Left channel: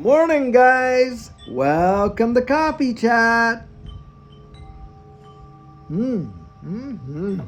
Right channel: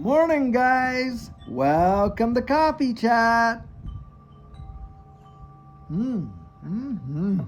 Morning, guys. Welcome to Coffee Chat. Mm-hmm.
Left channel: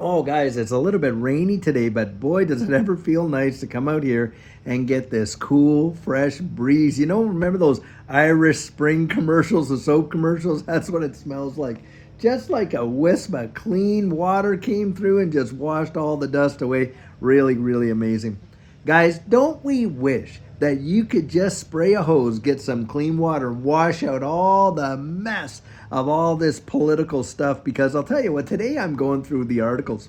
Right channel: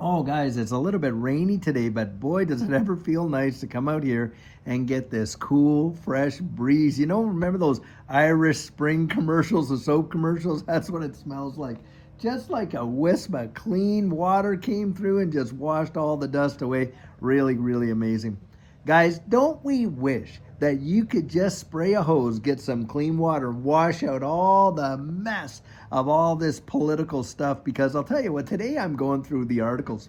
Oh, guys, it's a little bit rainy today, but boy, does it ever feel nice to come out here and get this cool, fresh breeze. Remember those Irish Spring commercials, the soap commercials? That's what it smells like. Just like a wisp of clean water came through and just washed all the dust away. Really, really amazing. Guys, don't we wish that you could just spray a hose, get some clean water, wash out all the mess of all this political stuff? Because I'll tell you what, today I'm going through the articles.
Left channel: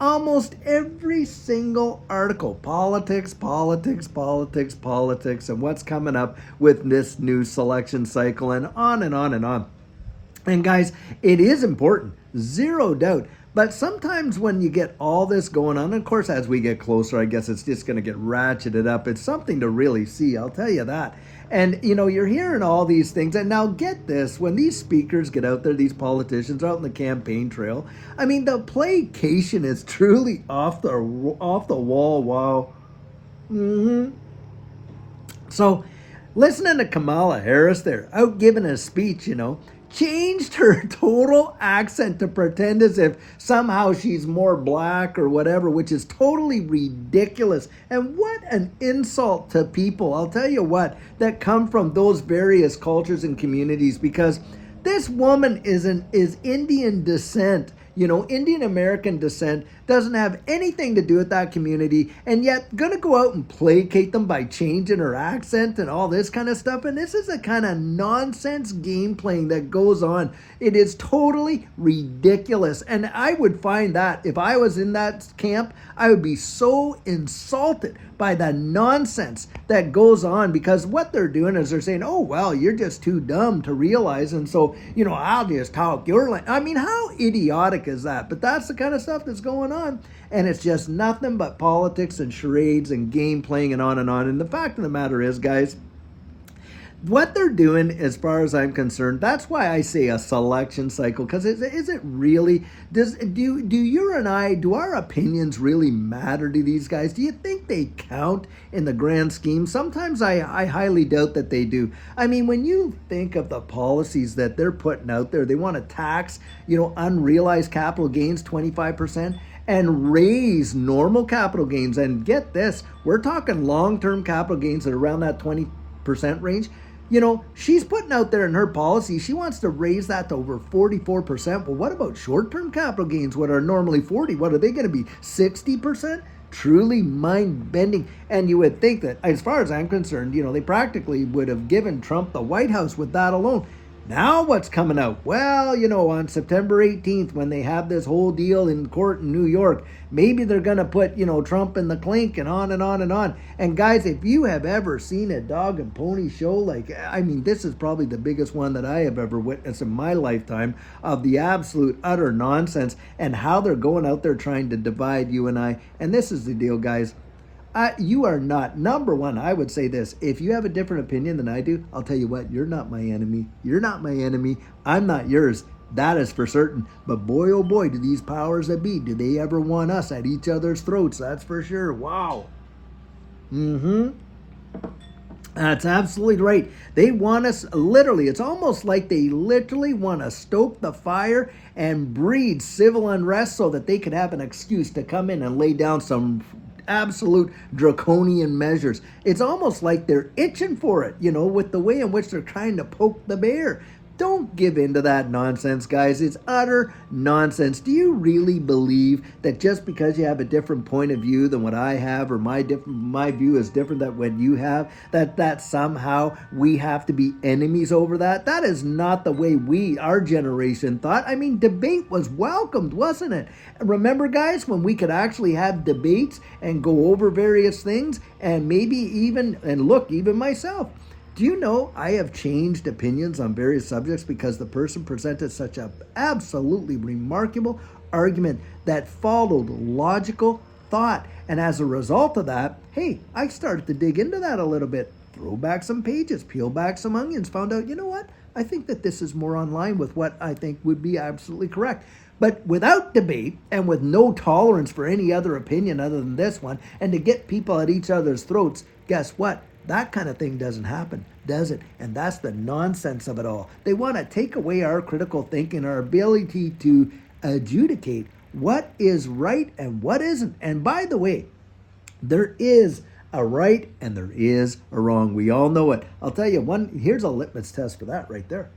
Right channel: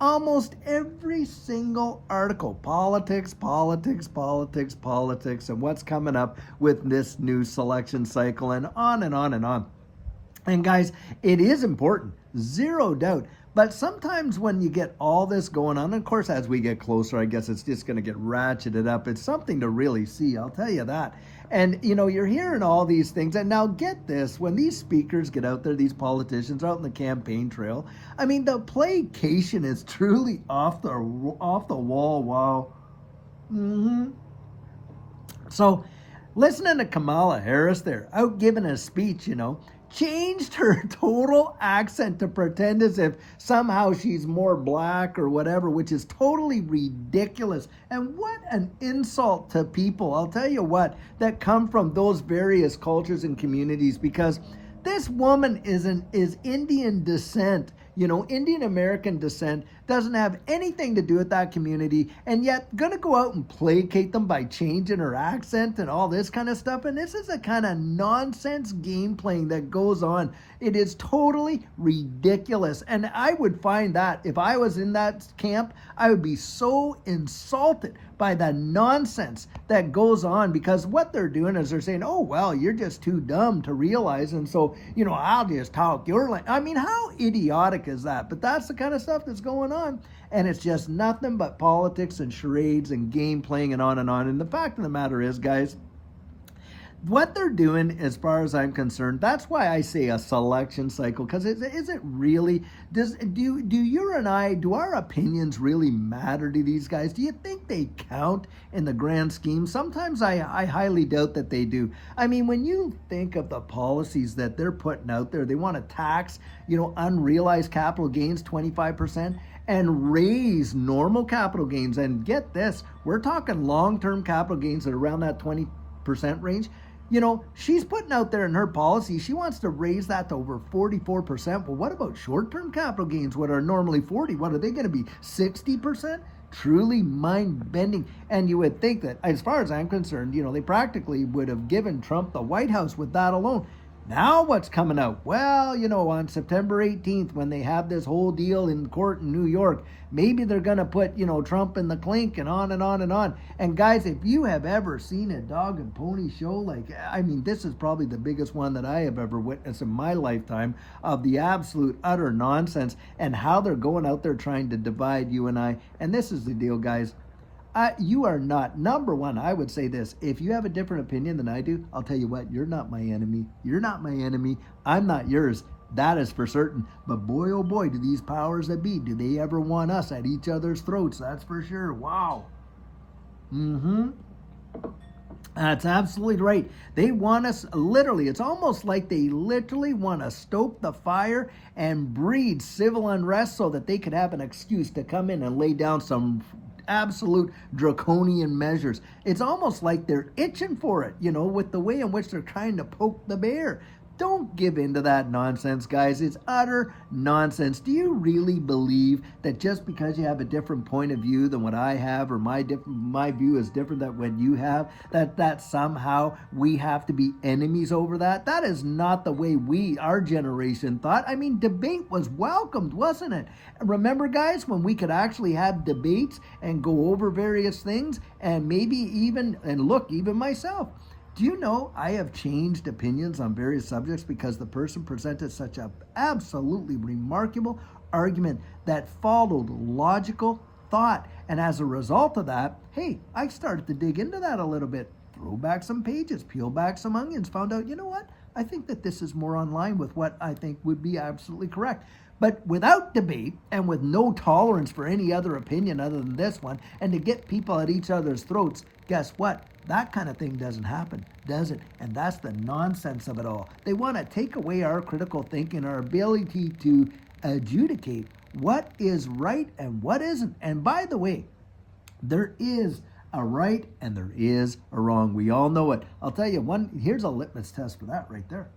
Almost every single article, politics, politics, politics, politics, and what's coming up with this new selection cycle, and on and on and on. And guys, it is important, zero doubt. But sometimes when you get all this going on, of course, as we get closer, I guess it's just going to get ratcheted up. It's something to really see, I'll tell you that. And, you're hearing all these things. And now get this, when these speakers get out there, these politicians are out on the campaign trail, I mean, the placation is truly off the wall. Wow. So, listening to Kamala Harris there, out giving a speech, changed her total accent to pretend as if somehow she's more black or whatever, which is totally ridiculous. And what an insult to people, I'll tell you what, that come from those various cultures and communities, because this woman is Indian descent, Indian American descent, doesn't have anything to do with that community, and yet gonna go out and placate them by changing her accent and all this kind of stuff. And this is the kind of nonsense game playing that goes on. It is totally ridiculous. And I would find that if I was in that camp, I would be so insulted by the nonsense that goes on, because what they're doing is they're saying, oh, well, you're just too dumb to realize. And so, I'll just talk your language. I mean, how idiotic is that? But that's the kind of stuff that's going on. And it's just nothing but politics and charades and game playing and on and on. And the fact of the matter is, guys, what they're doing, as far as I'm concerned, that's why I say a selection cycle. Because is it really, do you and I, do our opinions really matter to these guys? Do you think they count in the grand scheme? Sometimes I highly doubt that they do. I mean, when you think of the policies that they're putting out there, they want to tax, unrealized capital gains 25%, and raise normal capital gains. And get this, we're talking long-term capital gains at around that 20% range. She's putting out there in her policy, she wants to raise that to over 44%. Well, what about short-term capital gains, what are normally 40? What are they going to be, 60%? Truly mind-bending. And you would think that, as far as I'm concerned, they practically would have given Trump the White House with that alone. Now what's coming out? Well, on September 18th, when they have this whole deal in court in New York, maybe they're going to put, Trump in the clink, and on and on and on. And guys, if you have ever seen a dog and pony show, this is probably the biggest one that I have ever witnessed in my lifetime, of the absolute utter nonsense and how they're going out there trying to divide you and I. And this is the deal, guys. You are not, number one, I would say this. If you have a different opinion than I do, I'll tell you what, you're not my enemy. You're not my enemy. I'm not yours. That is for certain. But boy, oh boy, do these powers that be, do they ever want us at each other's throats? That's for sure. Wow. That's absolutely right. They want us, literally, it's almost like they literally want to stoke the fire and breed civil unrest so that they could have an excuse to come in and lay down some absolute draconian measures. It's almost like they're itching for it, with the way in which they're trying to poke the bear. Don't give in to that nonsense, guys. It's utter nonsense. Do you really believe that just because you have a different point of view than what I have, or my view is different than what you have, that somehow we have to be enemies over that? That is not the way our generation thought. I mean, debate was welcomed, wasn't it? And remember, guys, when we could actually have debates and go over various things, and maybe even myself. Do you know I have changed opinions on various subjects because the person presented such an absolutely remarkable argument that followed logical thought? And as a result of that, hey, I started to dig into that a little bit, throw back some pages, peel back some onions, found out, you know what? I think that this is more on line with what I think would be absolutely correct. But without debate and with no tolerance for any other opinion other than this one, and to get people at each other's throats, guess what? That kind of thing doesn't happen, does it? And that's the nonsense of it all. They want to take away our critical thinking, our ability to adjudicate what is right and what isn't. And by the way, there is a right and there is a wrong. We all know it. I'll tell you one, here's a litmus test for that right there.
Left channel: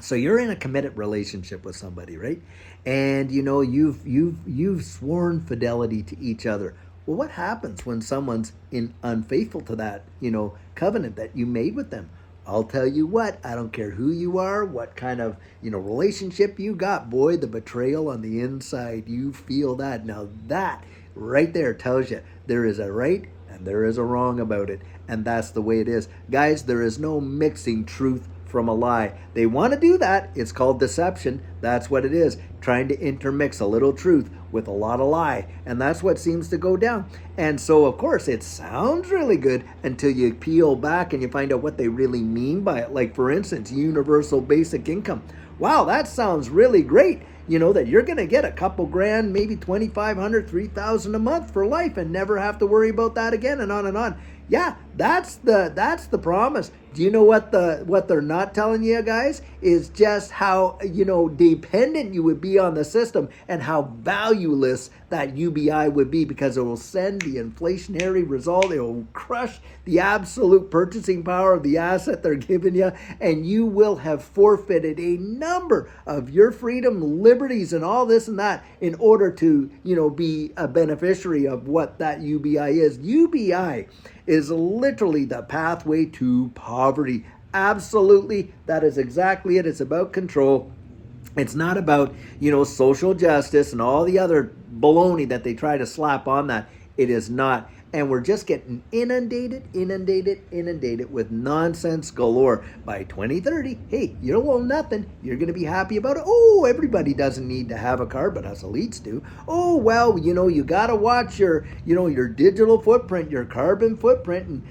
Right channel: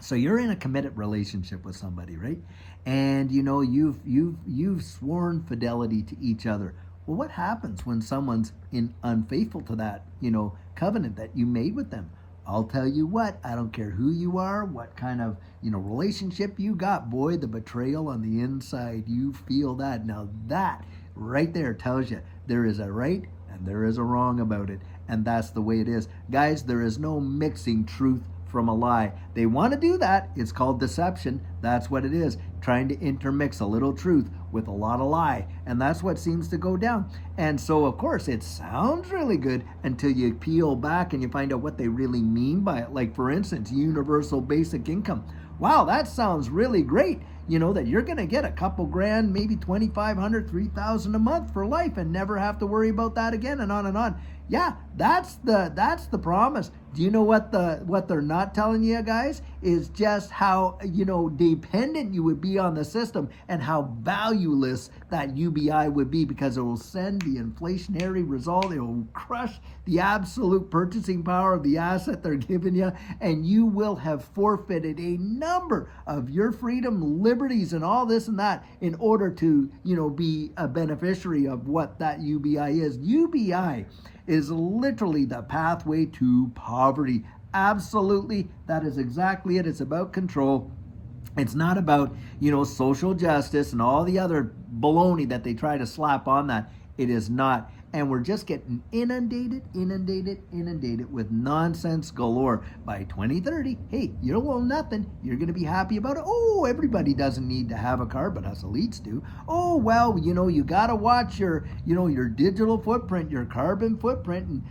So you're in a committed relationship with somebody, right? And you know you've sworn fidelity to each other. Well, what happens when someone's unfaithful to that, covenant that you made with them? I'll tell you what, I don't care who you are, what kind of, relationship you got, boy, the betrayal on the inside, you feel that. Now that right there tells you there is a right and there is a wrong about it. And that's the way it is. Guys, there is no mixing truth from a lie. They want to do that. It's called deception. That's what it is. Trying to intermix a little truth with a lot of lie. And that's what seems to go down. And so, of course, it sounds really good until you peel back and you find out what they really mean by it. Like, for instance, universal basic income. Wow, that sounds really great. That you're going to get a couple grand, maybe $2,500, $3,000 a month for life and never have to worry about that again, and on and on. Yeah, that's the promise. Do you know what they're not telling you, guys? Is just how, dependent you would be on the system and how valueless that UBI would be, because it will send the inflationary result. It will crush the absolute purchasing power of the asset they're giving you, and you will have forfeited a number of your freedom, liberties, and all this and that in order to, be a beneficiary of what that UBI is. UBI is literally the pathway to poverty. Absolutely, that is exactly it. It's about control. It's not about, social justice and all the other baloney that they try to slap on that. It is not. And we're just getting inundated with nonsense galore. By 2030, hey, you don't own nothing. You're going to be happy about it. Oh, everybody doesn't need to have a car, but us elites do. Oh, well, you got to watch your digital footprint, your carbon footprint. And,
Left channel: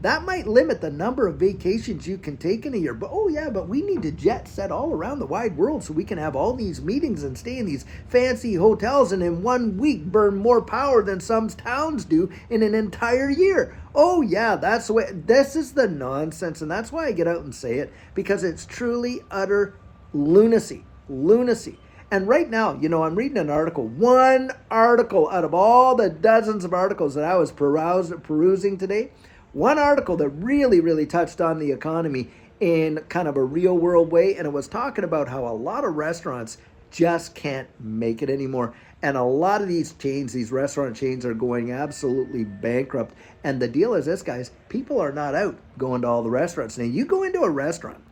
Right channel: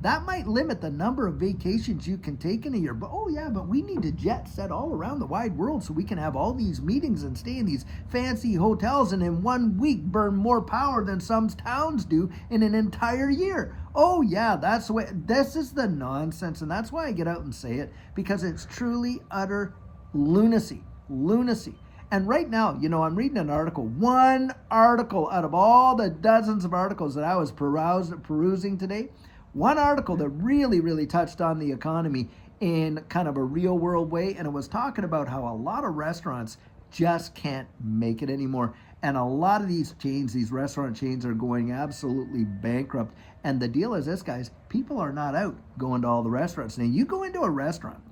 that might limit the number of vacations you can take in a year. But, oh, yeah, but we need to jet set all around the wide world so we can have all these meetings and stay in these fancy hotels and in 1 week burn more power than some towns do in an entire year. Oh yeah, that's the way. This is the nonsense, and that's why I get out and say it, because it's truly utter lunacy. And right now, I'm reading an article, one article out of all the dozens of articles that I was perusing today, one article that really touched on the economy in kind of a real world way, and it was talking about how a lot of restaurants just can't make it anymore. And a lot of these chains, these restaurant chains, are going absolutely bankrupt. And the deal is this, guys, people are not out going to all the restaurants. Now, you go into a restaurant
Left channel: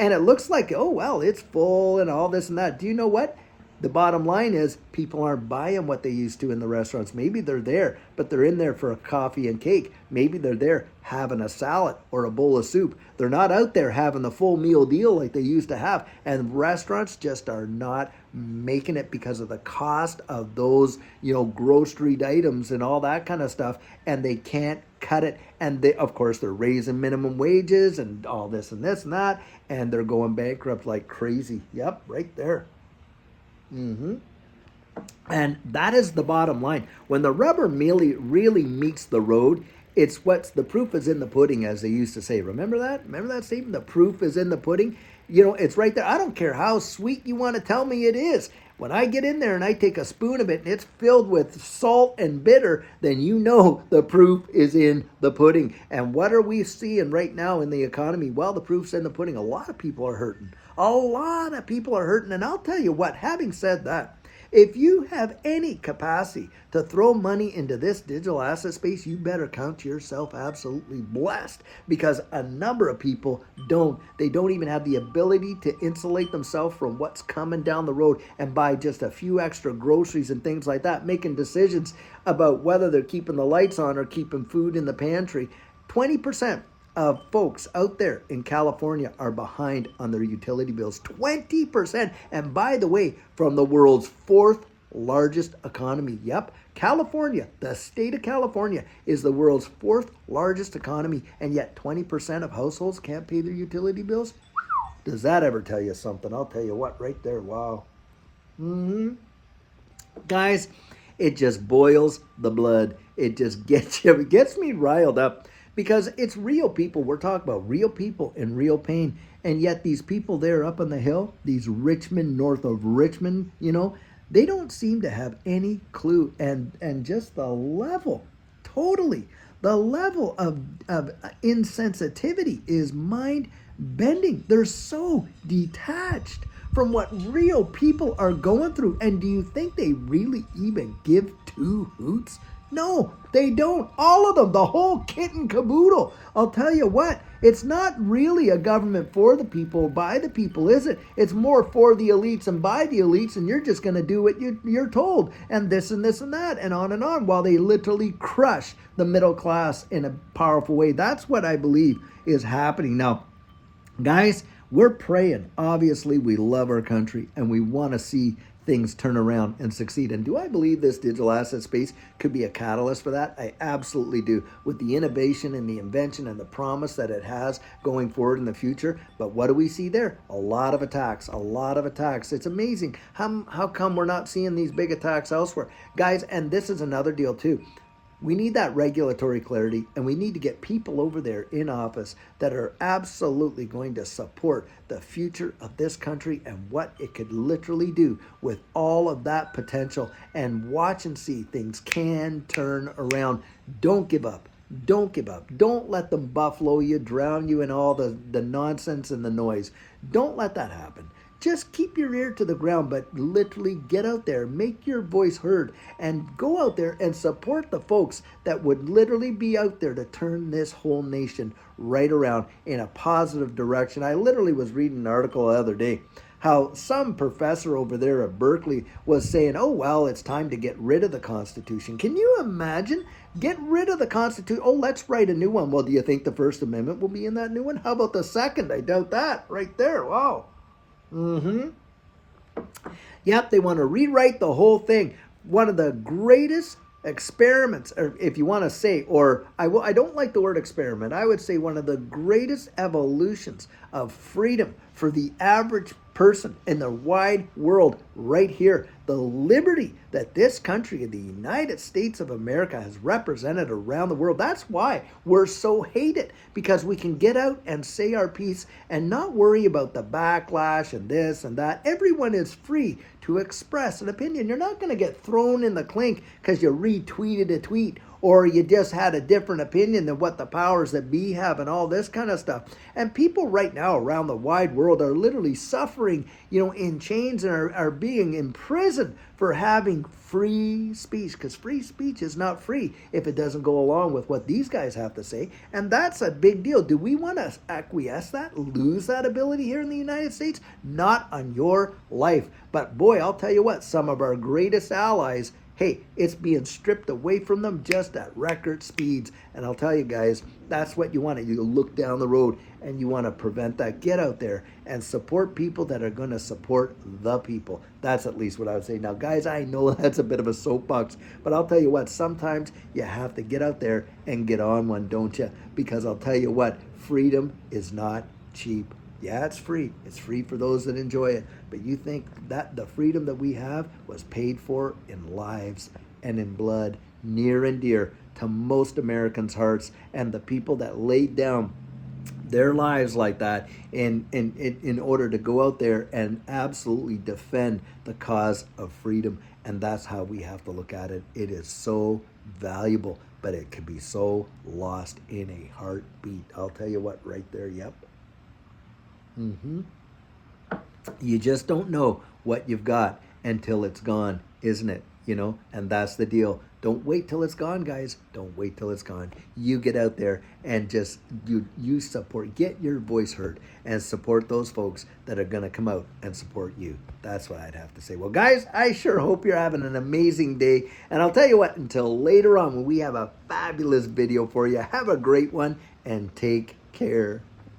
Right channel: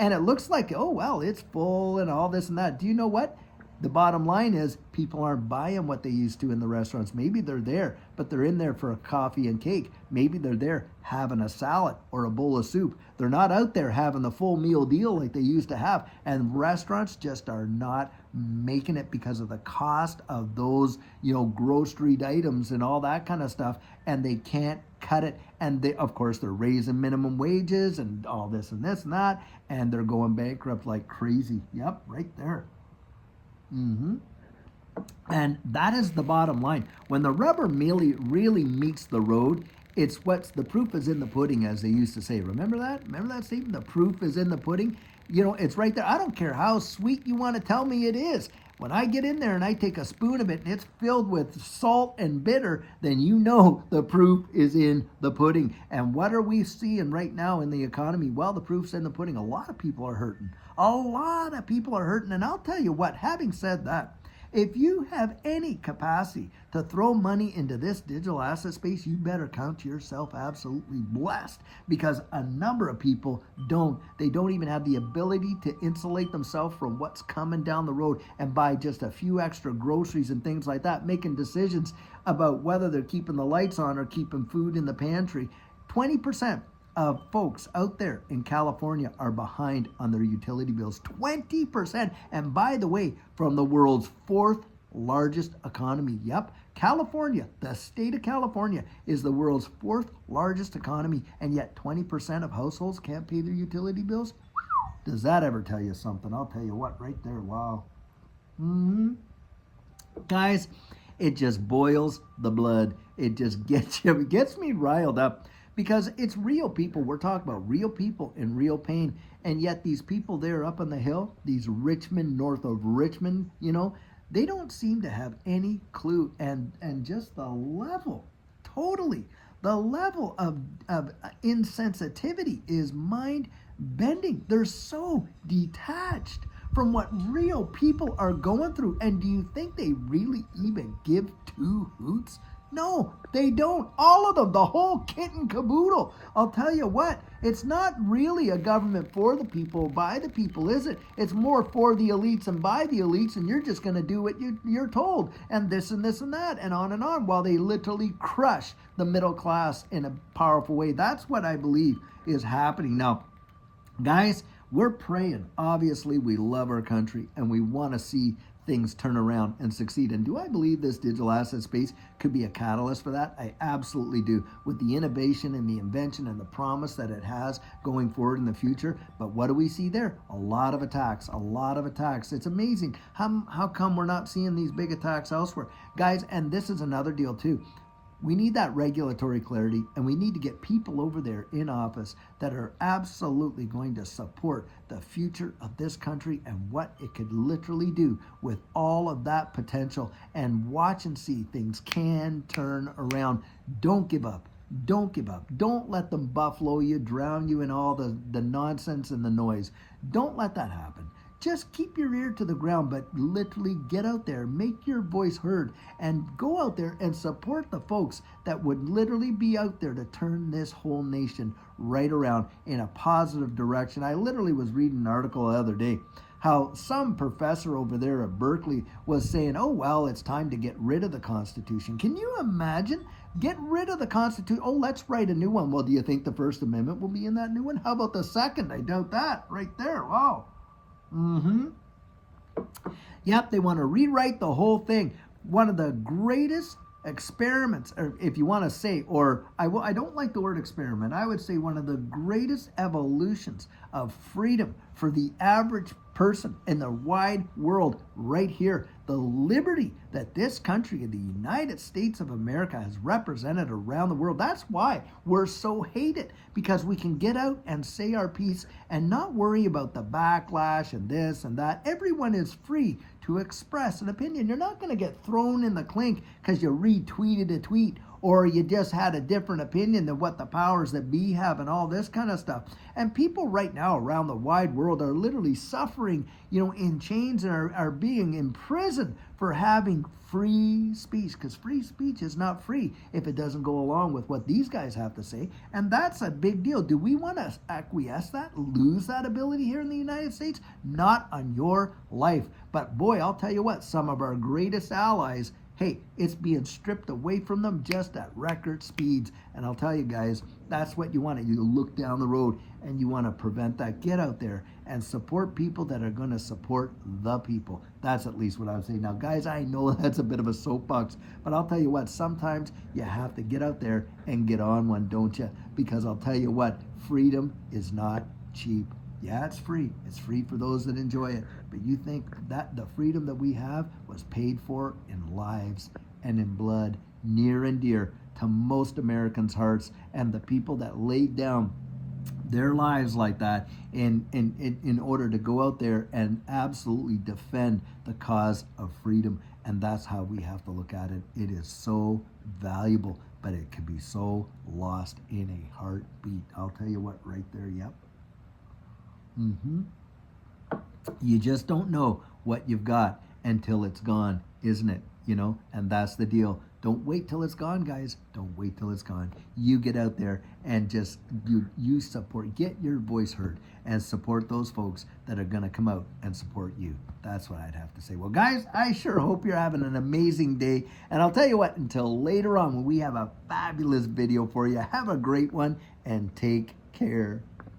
and it looks like, oh, well, it's full and all this and that. Do you know what? The bottom line is people aren't buying what they used to in the restaurants. Maybe they're there, but they're in there for a coffee and cake. Maybe they're there having a salad or a bowl of soup. They're not out there having the full meal deal like they used to have. And restaurants just are not making it because of the cost of those, grocery items and all that kind of stuff. And they can't cut it. And of course, they're raising minimum wages and all this and that. And they're going bankrupt like crazy. Yep, right there. And that is the bottom line. When the rubber really meets the road, it's the proof is in the pudding, as they used to say. Remember that? Remember that statement? The proof is in the pudding. It's right there. I don't care how sweet you want to tell me it is. When I get in there and I take a spoon of it and it's filled with salt and bitter, then the proof is in the pudding. And what are we seeing right now in the economy? Well, the proof's in the pudding. A lot of people are hurting. And I'll tell you what, having said that, if you have any capacity to throw money into this digital asset space, you better count yourself absolutely blessed, because a number of people don't. They don't even have the ability to insulate themselves from what's coming down the road and buy just a few extra groceries and things like that, making decisions about whether they're keeping the lights on or keeping food in the pantry. 20% of folks out there in California are behind on their utility bills. 20%. And by the way, from the world's fourth largest economy. Yep, California, the state of California, is the world's fourth largest economy, and yet 20% of households can't pay their utility bills. Does that ever tell you something? I'll tell you what, right there. Wow. Guys, it just boils the blood. It just gets you, it gets me riled up because it's real people. We're talking about real people in real pain. And yet these people there up on the hill, these Richmond, north of Richmond, they don't seem to have any clue. And just the level, totally, the level of insensitivity is mind bending. They're so detached from what real people are going through. And do you think they really even give two hoots? No, they don't. All of them, the whole kit and caboodle. I'll tell you what, it's not really a government for the people, by the people, is it? It's more for the elites and by the elites, and you're just going to do what you're told, and this and this and that, and on, while they literally crush the middle class in a powerful way. That's what I believe is happening. Now, guys, we're praying. Obviously, we love our country, and we want to see things turn around and succeed. And do I believe this digital asset space could be a catalyst for that? I absolutely do, with the innovation and the invention and the promise that it has going forward in the future. But what do we see there? A lot of attacks, a lot of attacks. It's amazing. How come we're not seeing these big attacks elsewhere? Guys, and this is another deal too. We need that regulatory clarity, and we need to get people over there in office that are absolutely going to support the future of this country and what it could literally do with all of that potential, and watch and see things can turn around. Don't give up. Don't give up. Don't let them buffalo you, drown you in all the nonsense and the noise. Don't let that happen. Just keep your ear to the ground, but literally get out there, make your voice heard, and go out there and support the folks that would literally be out there to turn this whole nation right around in a positive direction. I literally was reading an article the other day how some professor over there at Berkeley was saying, oh, well, it's time to get rid of the Constitution. Can you imagine? Get rid of the Constitution. Oh, let's write a new one. Well, do you think the First Amendment will be in that new one? How about the Second? I doubt that. Right there. Wow. Yep, they want to rewrite the whole thing. One of the greatest experiments, or if you want to say, or I don't like the word experiment. I would say one of the greatest evolutions of freedom for the average person in the wide world right here. The liberty that this country, the United States of America, has represented around the world. That's why we're so hated, because we can get out and say our piece and not worry about the backlash and this and that. Everyone is free to express an opinion. You're not going to get thrown in the clink because you retweeted a tweet, or you just had a different opinion than what the powers that be have, and all this kind of stuff. And people right now around the wide world are literally suffering, in chains, and are being imprisoned for having free speech, because free speech is not free if it doesn't go along with what these guys have to say. And that's a big deal. Do we want to acquiesce that, lose that ability here in the United States? Not on your life. But boy, I'll tell you what, some of our greatest allies, hey, it's being stripped away from them just at record speeds. And I'll tell you guys, that's what you want. You look down the road and you want to prevent that. Get out there and support people that are going to support the people. That's at least what I would say. Now, guys, I know that's a bit of a soapbox, but I'll tell you what, sometimes you have to get out there and get on one, don't you? Because I'll tell you what, freedom is not cheap. Yeah, it's free. It's free for those that enjoy it. But you think that the freedom that we have was paid for in lives and in blood, near and dear to most Americans' hearts, and the people that laid down their lives like that in order to go out there and absolutely defend the cause of freedom. And that's how we have to look at it. It is so valuable, but it could be so lost in a heartbeat. I'll tell you what, right there, yep. You just don't know what you've got until it's gone, isn't it? And that's the deal. Don't wait till it's gone, guys. Don't wait till it's gone. You get out there and just you support, get your voice heard, and support those folks that are going to come out and support you. That's what I'd have to say. Well, guys, I sure hope you're having an amazing day. And I'll tell you what, until later on when we have a fabulous video for you, have a great one and take care.